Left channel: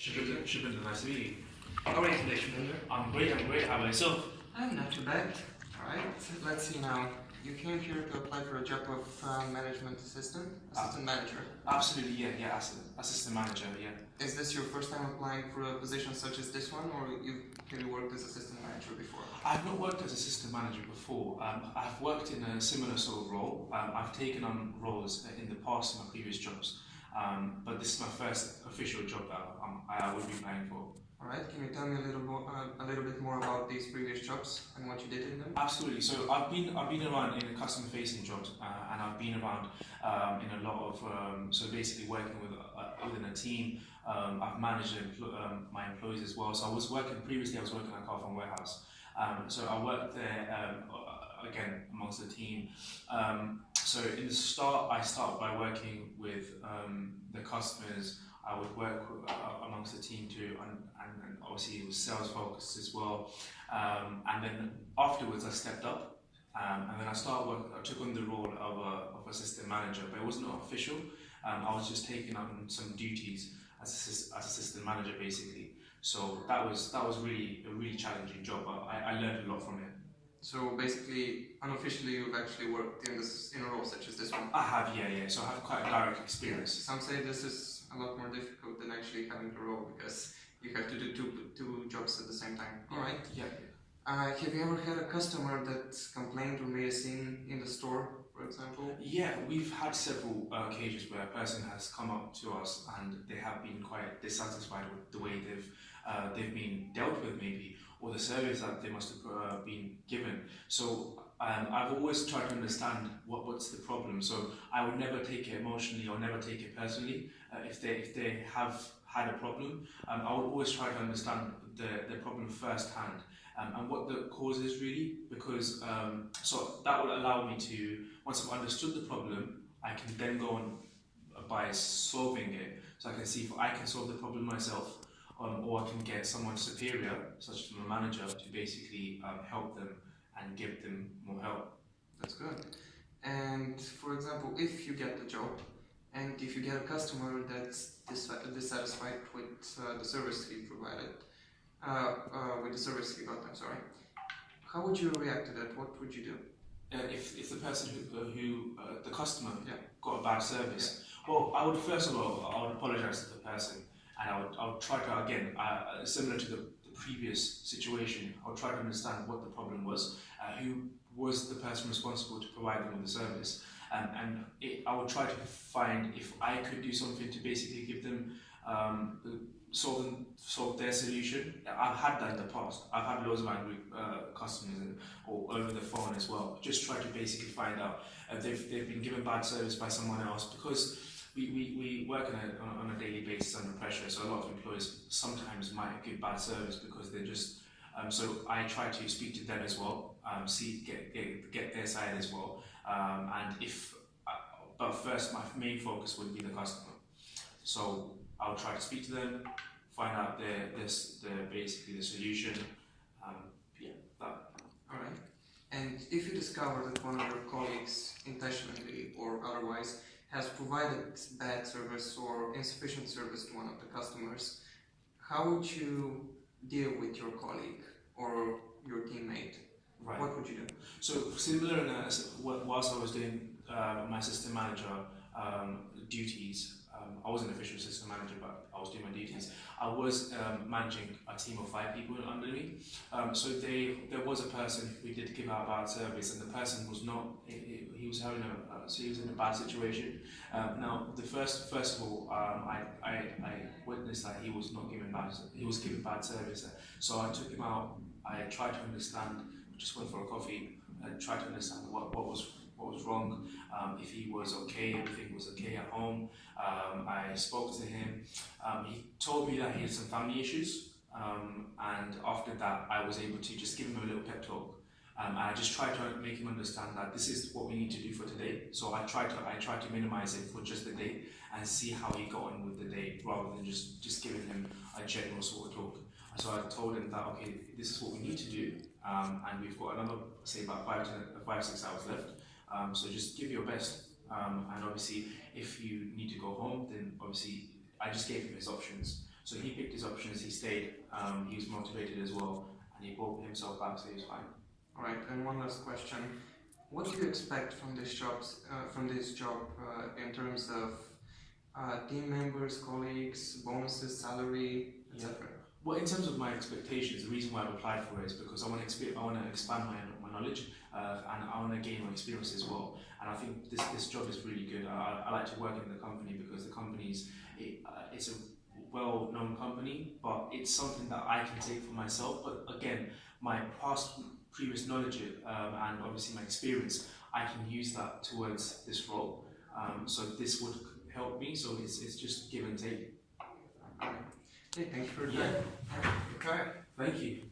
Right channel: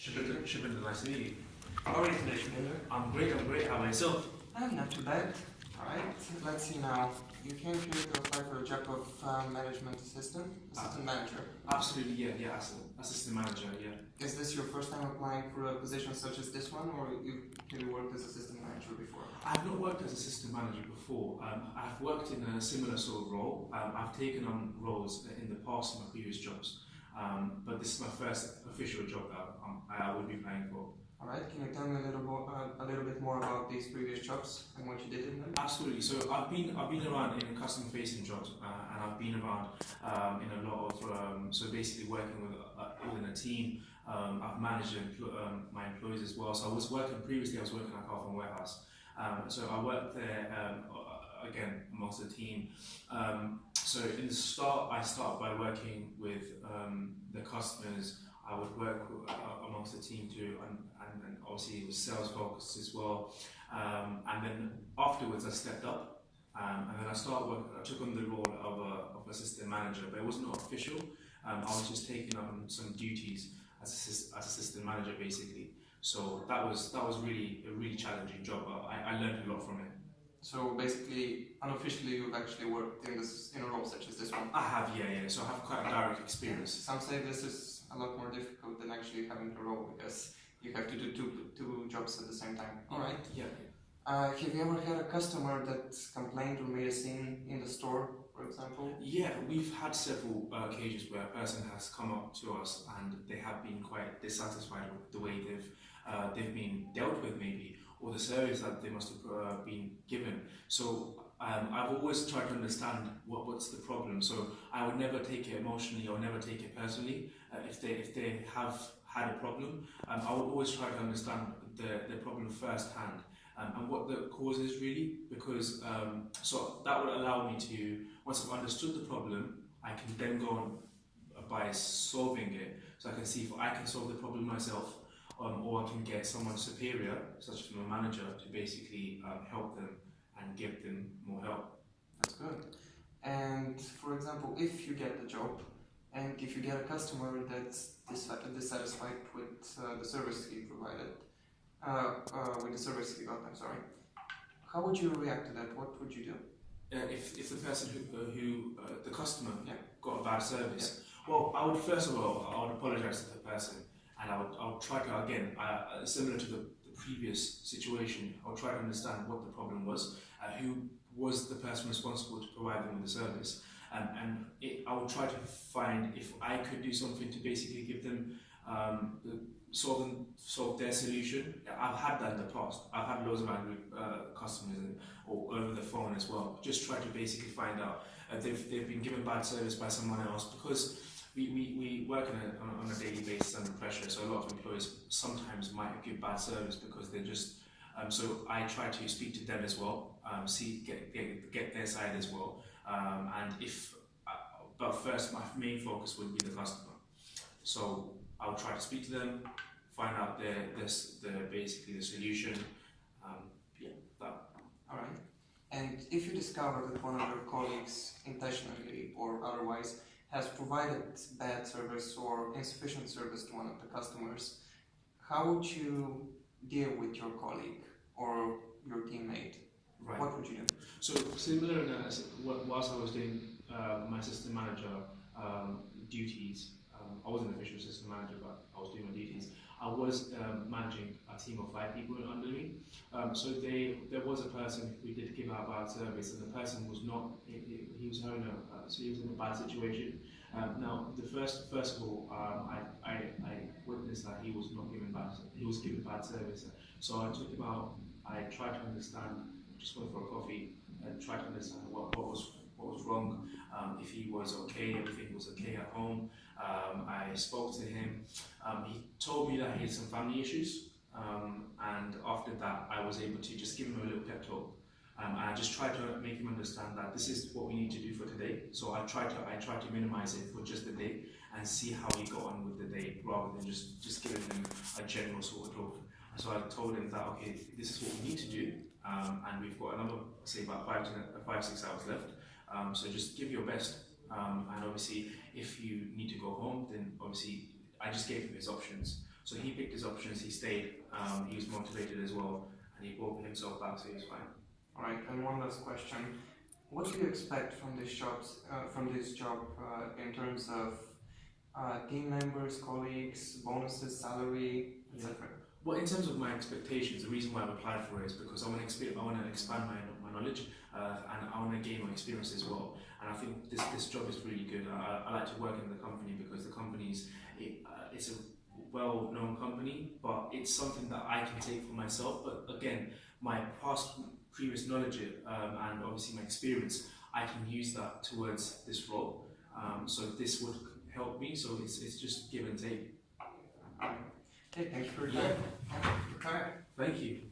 Shubhendra, nice to meet you. How are you today, Shubhendra? I'm great, How about yourself? I'm not too bad. Alright, let's see now. You came here to apply for a job of assistant manager. Absolutely, yeah, assistant manager, yeah. Is this your first time applying for a position such as this one, or you've really worked as assistant manager before? I've not worked as assistant manager before. I've worked in a similar sort of role. I've taken on roles in the past in my previous jobs, but this is my first official job that I would be applying for. Alright, can you tell me a little bit more about these previous jobs and what you did in them? Absolutely. So I've been around in customer facing jobs, and I've been around in a lot of so basically working within a team. I've managed my employees as well. So I was working at Carphone Warehouse. So I worked there again amongst the team. So in the start, I started by working with the customers. I would work amongst the team too, and obviously it was sales focused as well. And then afterwards I stepped up, and then I took on the role of assistant manager, but it was not official. I was just taking on some duties as assistant manager basically. So that was really a really challenging job, but I learned a lot from it. So basically, unofficially, you've actually worked in a role such as this one? I have, yeah. So I have quite a direct experience. Some say this is a lot more difficult than actually having a role because you have to do two jobs at the same time. All right. Yeah. Have you ever had a customer that complained or made a scene in the store, for example? Yeah, we've had several occasions where a person has come up to us and they have been quite dissatisfied with the way they've been dealt with, maybe, or the service that they must have been given. So I've always tried to understand what's the problem. So I would never take it emotionally or never take it personally. If they have had a problem, I would always try to understand the problem firsthand and what the cause is really, because so that would allow me to, once I've understood the problem, I can then go on by solving it. So I can see if I can solve the problem myself, or I can get someone superior, such as a manager, to basically help them and give them more help. That's good. And for example, if you get the job and if you get a customer that's dissatisfied with the service he provided, with the service he got, I'm sorry, how would you react to that? What would you do? If the person who the customer got a bad service, yeah. Well, I would first of all, I would apologize to the person, and I would try to, again, similar to the previous situation, I would try to understand what the problem was, who was the person responsible to provide them with the service, and I would try to find if I could do something to basically give them, solve their solution. I've had that in the past. I've had loads of angry customers, or over the phone as well. Just try to basically find out if they've been given bad service by someone else, because we work on a daily basis under pressure, so a lot of employers sometimes might give bad service because they're just, so I try to speak to them as well, get their side as well, but first my main focus would be the customer. So I would try to speak to them, find out basically the solution, that. Alright. And if you discover that one of your colleagues, intentionally or otherwise, has provided bad service or insufficient service to one of the customers, how would you deal with your colleague or your teammate? Right. What would you do? So similar, whilst I was doing my assistant manager duties, I wasn't an official assistant manager, but I was doing my duties. I was managing a team of 5 people under me. So there was a person who did give out bad service, and the person was not. He was having so he was in a bad situation. Now, first of all, I witnessed that he was not given bad. He was given bad service. So I took him out. I tried to understand. Just went for a coffee and tried to understand what was wrong. If he was okay, everything was okay at home. I spoke to him. He told me that he had some family issues, and after that I was able to just give him a little pep talk. And I just tried to make him understand that this is what we need to do for today. So I tried to minimize it for just the day and see how he got on with the day, rather than just giving him a general sort of talk. So I told him that, okay, this is what we need to do, and we've got another, say, about 5-6 hours left. So just give your best, and obviously if you need to go home, then obviously I just gave him his options. So he picked his his options. He stayed. He was motivated as well, and he brought himself back, so he was fine. All right. And one last question: what do you expect from this job? In terms of team members, colleagues, bonuses, salary, etc. Well, in terms of my expectations, the reason why I've applied for it is because I want to expand my knowledge, and I want to gain my experience as well. And I think this job is really good. I like to work in the company because the it's a well-known company, but it's something that I can take for myself. But again, my previous knowledge and obviously my experience, I can use that towards this role. So this would help me. So it's just give and take. Hey, thanks for your time. Yeah. Okay. Thank you.